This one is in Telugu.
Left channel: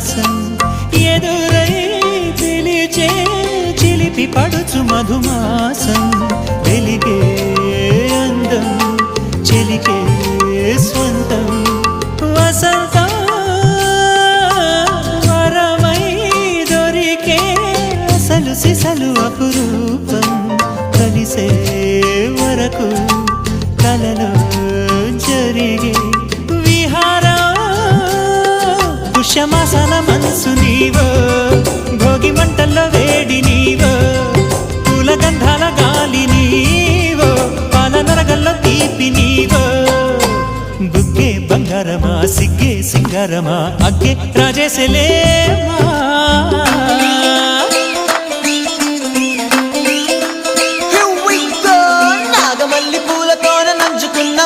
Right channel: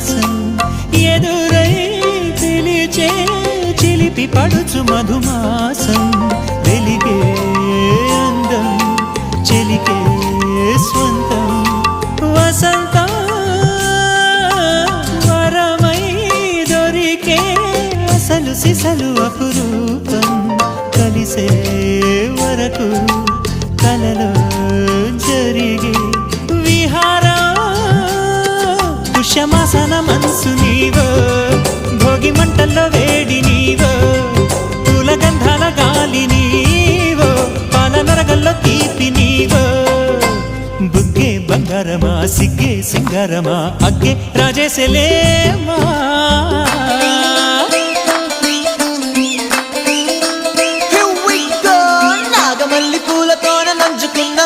విలాసం ఎదురై పిలిచే చిలిపి పడుచు మధుమాసం వెలిగే అందం చెలికే స్వంతం వసంతం వరమై దొరికే అసలు సిసలు అపురూపం కలిసే వరకు కలలో జరిగే విహారం పుష్యమాసన మనసు నీవో భోగి మంటల్లో వేడి నీవో పూల గంధాల గాలి నీవో పాల నరగల్లో తీపి నీవో బుగ్గే బంగారమా సిగ్గే సింగారమా అగ్గే రాజేసలేమా నాగమల్లి పూలతోన నంచుకున్న